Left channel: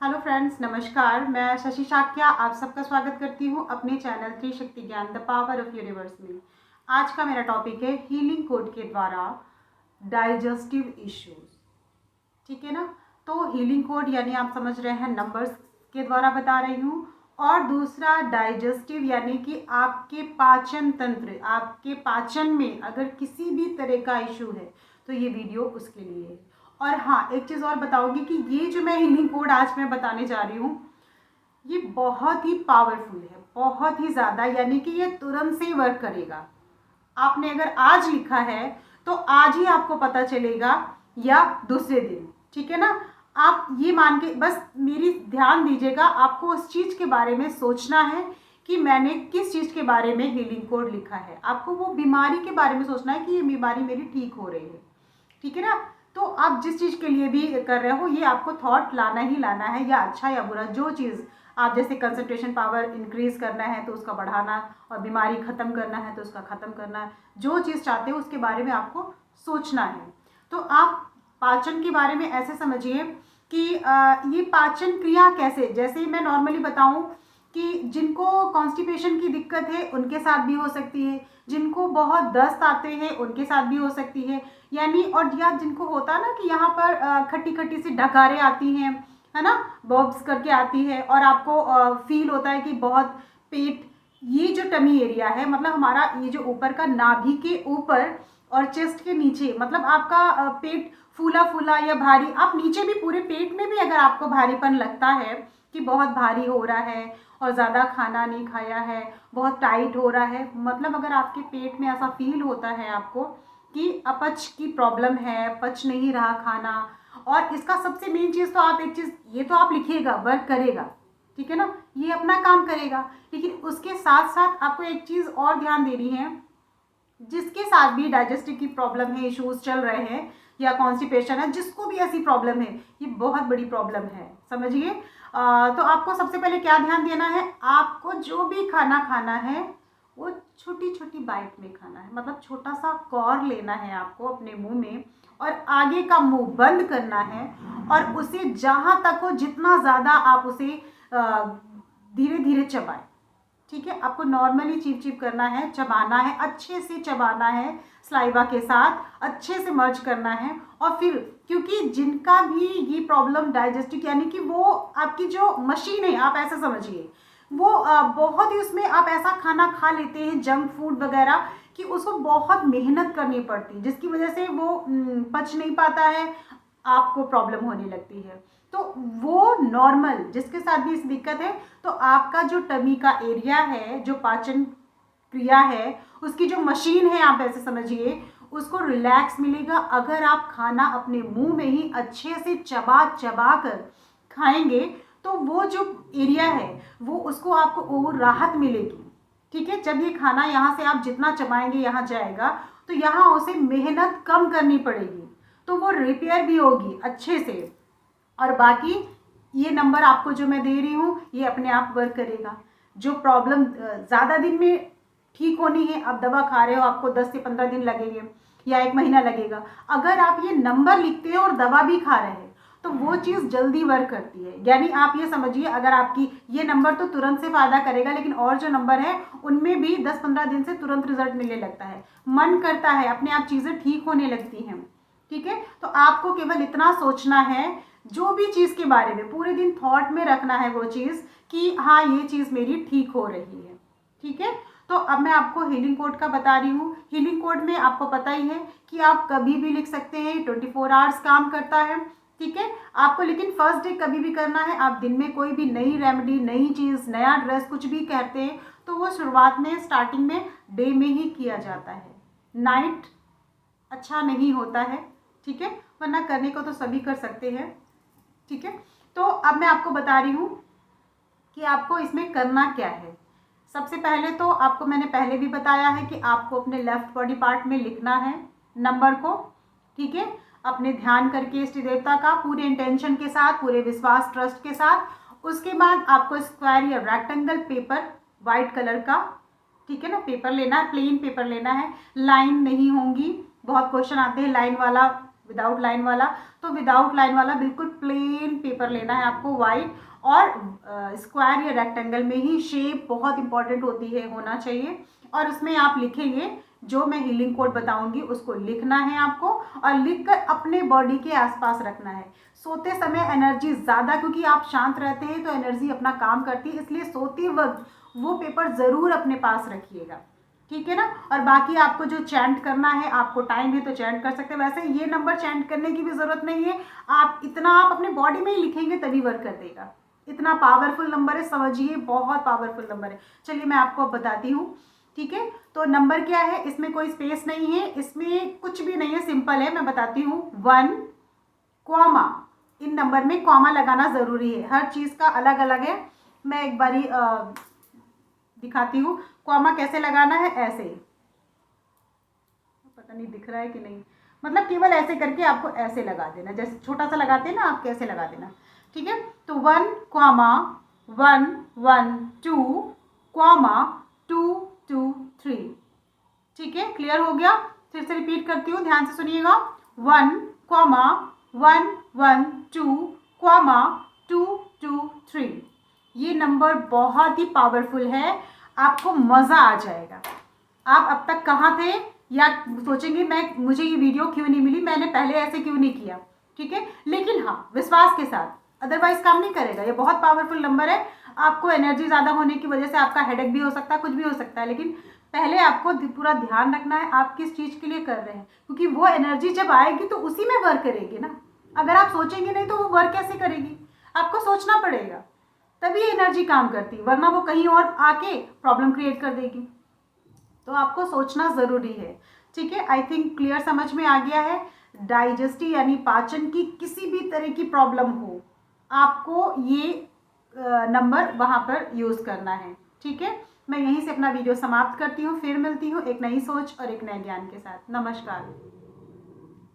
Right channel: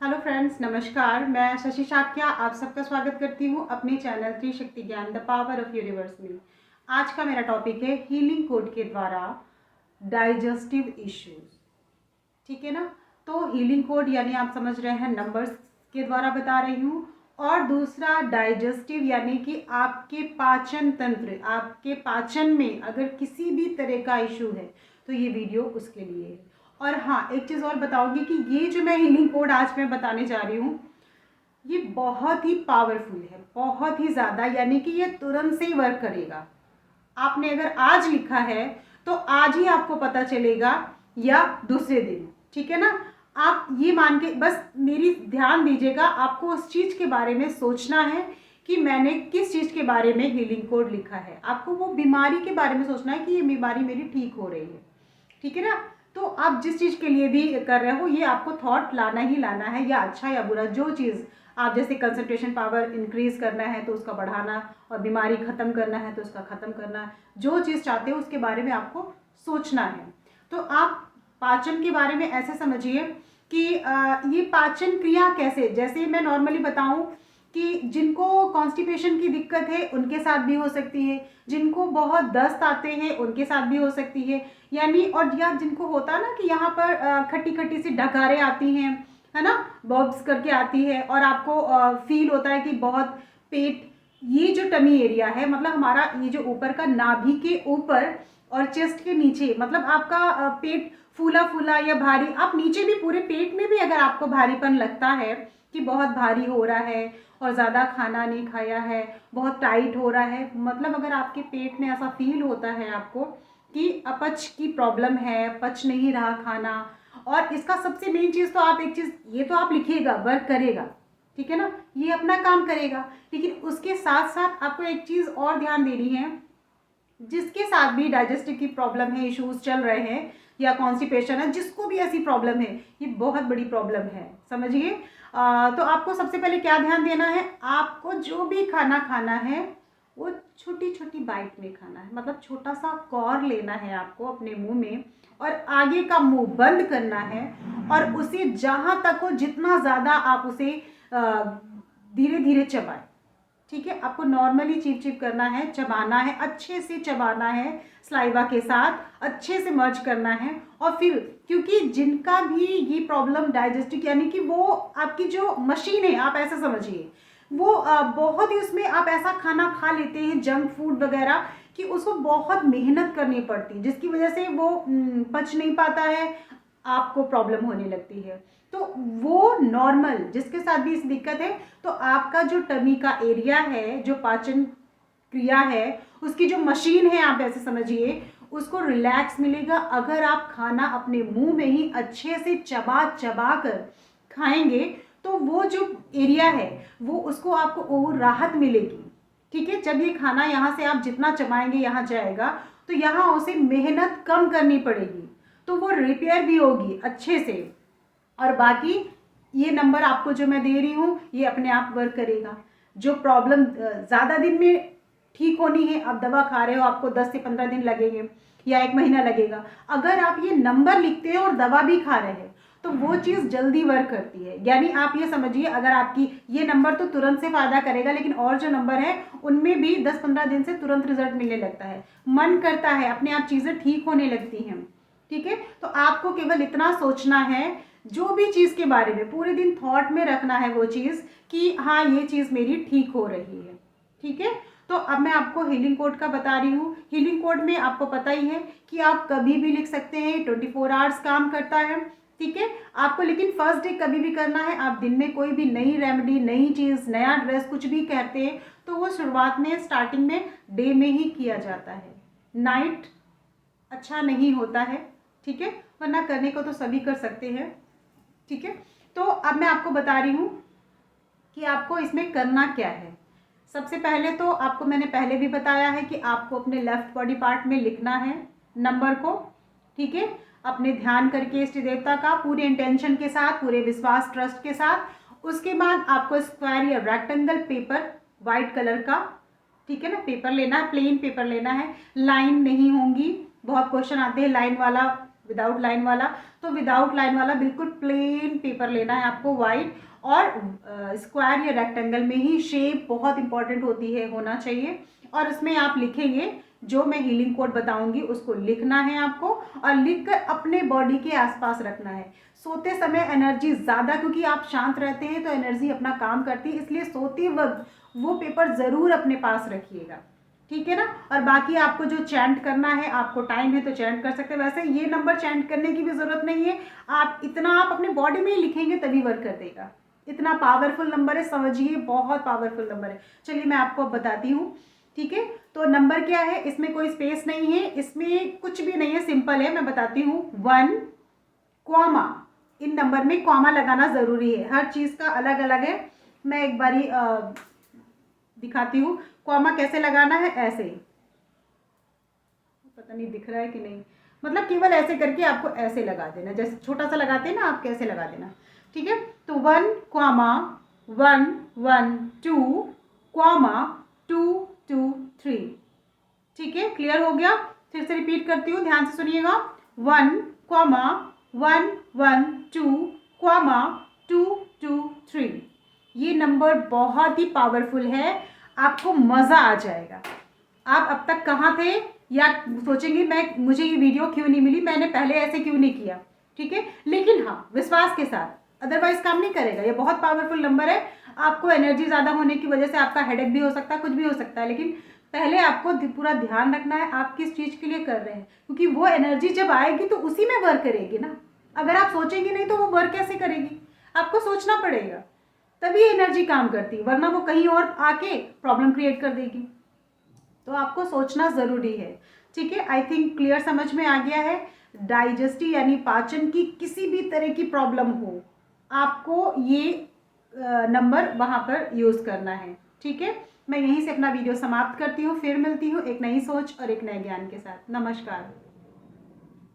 Hello friends, नमस्कार। मैं शशि शाक्या आप सबका स्वागत करती हूँ अपने चैनल त्रिशक्ति ज्ञान द पावर ऑफ यूनिवर्स में। आज का मेरा टॉपिक है हीलिंग कोड के द्वारा डाइजेस्टिव इश्यूज। ठीक है ना। तो हीलिंग कोड यानी आप समझ रहे हैं नंबर्स के द्वारा बता रही हूँ, और दूसरा डाइजेस्टिव यानी कि आपके पाचन तंत्र, आपके पाचन में अगर किसी भी तरह का इशू है तो ये वीडियो उसके लिए है। और हाँ, एक चीज़ और बताऊंगी कि ये जो मैं हीलिंग कोड आज मैं बताने जा रही हूँ ये बहुत ही पावरफुल है, बहुत ही ज़्यादा, यानी कि ये तुरंत से ही वर्क करेगा। आपने अगर आज लिखा है तो आज ही आपको पता चलेगा या दूसरे दिन। ठीक है ना। आप ये मान के बस मेरी ध्यान दीजिएगा, आपको उस चीज़ के बारे में सोचना है कि मैंने किस चीज़ के बारे में हीलिंग कोड लिखा है। आपको वो बीमारी के बारे में सोचना है कि ये बीमारी मेरी ठीक हो रही है। ठीक है ना। तो आप जिस चीज़ के लिए भी कर रहे हो ये आपको थॉट लाना ही लाना है, या अच्छा या बुरा, जो चीज़ आप, जैसे कंसंट्रेशन पावर इंक्रीज करना है तो उसका बढ़ाना, और बीमारी ख़त्म करना है तो उसका ख़त्म करना, जो चीज़ चाहते हो उसके बारे में आपको सोचना है। तो आप पाचन के बारे में ऐसे समझिए कि ये पाचन क्रिया कैसे, जैसे मैं नॉर्मली बताऊं कि जिनको कॉन्स्टिपेशन की दिक्कत है उनके साथ भी हो सकती है, जिनको बहुत दस्त आते हैं उनके साथ भी हो सकती है, यानी, और या जिनको होता है ना कि यहाँ पर खट्टी खट्टी सी डकारें आती हैं, है ना, बॉब्स करके आती है, और आपको फील होता है कि बहुत पेट, ये जो टमी एरिया है, मतलब हमारा ये जो ऊपर का नाभि के ऊपर और चेस्ट के नीचे, मतलब आपका पेट फूला फूला या भारी, आप नीचे भी पूरे पेट में भी अगर आपको भारीपन लगता है कि बहुत भारी हो रहा है और ज़्यादा खाना नहीं खाया है, बहुत टाइट हो रहा है, मतलब अगर आपके पेट में ऐसा फील होता है आपको कि अपच की प्रॉब्लम है, पच नहीं रहा खाना, और इसका सबसे मेन चीज़ तो आप एक चीज़ ये तो आप लिखिएगा, वर्क करेगा, ठीक है ना, ये अपना काम करेगा, लेकिन उसके साथ साथ आपको एक चीज़ और ध्यान देनी है, जिसके साथ भी डाइजेस्टिव की प्रॉब्लम है, इश्यूज चल रहे हैं, या कॉन्स्टिपेशन है, जिसको भी ऐसी प्रॉब्लम है, ये बहुत बड़ी प्रॉब्लम है, समझिए। तो आपको सबसे पहले क्या ध्यान देना है, आपको जो भी खाना खाना है वो छोटी छोटी बाइट में खाना है, मतलब छोटा सा कौर लेना है आपको अपने मुंह में, और आगे का मुंह बंद करना है, और उसे जहाँ तक हो जितना ज़्यादा आप उसे धीरे धीरे चबाएं। ठीक है, आपको नॉर्मली चिप चिप करना है, चबाना है, अच्छे से चबाना है, स्लाइवा के साथ अच्छे से मर्ज करना है। और फिर क्योंकि जिनका भी ये प्रॉब्लम डाइजेस्टिव, यानी कि वो आपकी जो मशीन है, आप ऐसा समझिए, वो बहुत ही उसमें आप ऐसा खाना खा लेते हैं जंक फूड वगैरह कि उसको बहुत मेहनत करनी पड़ती है, जिसकी वजह से वो पच नहीं पाता है, आपको प्रॉब्लम होने लगती है। तो वो नॉर्मल जिसके साथ भी इस दिक्कत है, तो आपका जो टमी का एरिया है, जो पाचन क्रिया है, उसकी जो मशीन है, आप ऐसे समझिए, उसको रिलैक्स मिलेगा अगर आप खाना अपने मुंह में ही अच्छे से चबा चबा कर खाएंगे, तो वो जो एरिया है वो उसको आपको वो राहत मिलेगी। ठीक है, जब ये खाना यहाँ से आप जितना चबाएंगे यहाँ जाएगा, तो यहाँ उसे मेहनत कम करनी पड़ेगी, तो वो रिपेयर भी होगी अच्छे से। और बाकी ये नंबर आपको जो मैं दे रही हूँ ये अपने आप वर्क करेगा। जो प्रॉब्लम ज़्यादा दिन में ठीक होनी है, आप दवा खा रहे हो, आपको 10 से 15 दिन लगेंगे या 1 महीना लगेगा, अगर आप ये नंबर लिखते हैं और दवा भी खा रहे हैं तो वो चीज़ जल्दी वर्क करती है। यानी आप ये समझिए, अगर आपकी ये नंबर तो तुरंत से फ़ायदा करेगा, लेकिन और जो नंबर है उनमें भी 10-15 दिन से तुरंत रिजल्ट मिलने लगता है, मन करता है, अपने आप चीज़ें ठीक होने लगती हैं। ठीक है, तो आपको केवल इतना सोचना है, जो भी चीज़ के बारे में पूरे दिन थॉट में रखना है वो चीज़, कि हाँ ये चीज़ मेरी ठीक हो रही है। ठीक है, तो अब मैं आपको हीलिंग कोड का बता रही हूँ। हीलिंग कोड में आपको पता ही है कि आप कभी भी लिख सकते हैं, 24 आवर्स काम करता है। ठीक है, आपको लेकिन फर्स्ट डे कभी भी करना है, आप दिन में कोई भी नई रेमेडी, नई चीज़, नया ड्रेस कुछ भी कहते हैं तो वो शुरुआत में, स्टार्टिंग में डे में ही किया जाता है, नाइट अच्छा नहीं होता है। ठीक है, वरना करने को तो सभी कर सकते हैं। ठीक है, तो अब मैं आपको बता रही हूँ कि आपको इसमें करना क्या है। सबसे पहले तो आपको मैंने पहले भी बताया है कि आपको अपने लेफ्ट बॉडी पार्ट में लिखना है नंबर को। ठीक है, अपने ध्यान करके इष्ट देवता का, पूरे इंटेंशन के साथ, पूरे विश्वास ट्रस्ट के साथ। उसके बाद आपको स्क्वायर या रेक्टेंगल पेपर, वाइट कलर का, ठीक है ना, पेपर लेना है, प्लेन पेपर लेना है, लाइन नहीं होंगी, बहुत क्वेश्चन आते हैं लाइन वाला विदाउट लाइन वाला, तो विदाउट लाइन वाला बिल्कुल प्लेन पेपर लेना है आपको, वाइट, और स्क्वायर या रेक्टेंगल में ही शेप बहुत इंपॉर्टेंट होती है, होना चाहिए। और उसमें आप लिखेंगे जो मैं हीलिंग कोड बताऊंगी उसको लिखना है आपको, और लिखकर अपने बॉडी के आसपास रखना है। सोते समय एनर्जी ज़्यादा, क्योंकि आप शांत रहते हैं तो एनर्जी अपना काम करती है, इसलिए सोते वक्त वो पेपर ज़रूर अपने पास रखिएगा, ठीक है ना। और बाकी आपको जो चैंट करना है, आपको टाइम है तो चैंट कर सकते हैं। वैसे ये नंबर चैंट करने की भी ज़रूरत नहीं है, आप अपने बॉडी में ही लिखेंगे तभी वर्क कर देगा। इतना पावरफुल नंबर है, समझिए, बहुत पावरफुल नंबर है। चलिए मैं आपको बताती हूँ, ठीक है। तो नंबर क्या है, इसमें कोई स्पेस नहीं है, इसमें कुछ भी नहीं है, सिंपल है। मैं बताती हूँ, 1 कॉमा, इन नंबर में कॉमा लगाना ज़रूरी है, हर चीज़ का अलग अलग है। मैं एक बारी दिखाती हूँ कॉमा कैसे लगाना है, ऐसे, पता नहीं दिख रहा है कि नहीं, मतलब केवल ऐसे करके आपको ऐसे लगा देना, जैसे छोटा सा लगाते हैं ना आप, कैसे लगा देना, ठीक है। तो 1 कॉमा 1 1 2 कॉमा 2 2 3, ठीक है, क्लियर हो गया। फिर से रिपीट करती हूँ, ध्यान से सुनिएगा, 1 कॉमा 1 1 2 कॉमा 2 2 3। ये नंबर बहुत ही पावरफुल है, आपको मज़ा आ जाएगा। आप अब तक कहाँ थे, या सोचेंगे मुझे ये वीडियो क्यों नहीं मिली, मैंने पहले ऐसे क्यों नहीं किया, ठीक है। लेकिन हाँ, विश्वास के साथ, अदरवाइज काम नहीं करेगा। ये बहुत पावरफुल नंबर है, आपको एनर्जी ज़्यादा होने की वजह से आपका हेडेक भी हो सकता है, कुछ भी हो सकता है, लेकिन पहले आपको पूरा ध्यान रखना है आप किस चीज़ के लिए कर रहे हैं, क्योंकि वो एनर्जी जब आएगी तो उसी में वर्क करेगी ना। अगर आप सोचेंगे नहीं तो वो वर्क कैसे करेगी, आपको सोचना पड़ेगा, तभी एनर्जी काम करती, वरना वो कहीं और आके प्रॉब्लम क्रिएट कर देगी। तो आपको सोचना ज़रूरी है, ठीक है। आई थिंक क्लियर समझ में आ गया है। डाइजेस्टिव यानी पाचन की किसी भी तरह की प्रॉब्लम हो, आपको ये नंबर वहाँ पर यूज़ करना है, ठीक है। मैं यहीं से अपना वीडियो समाप्त करती हूँ, फिर मिलती हूँ एक नई सोच और एक नए ज्ञान के साथ। नमस्कार।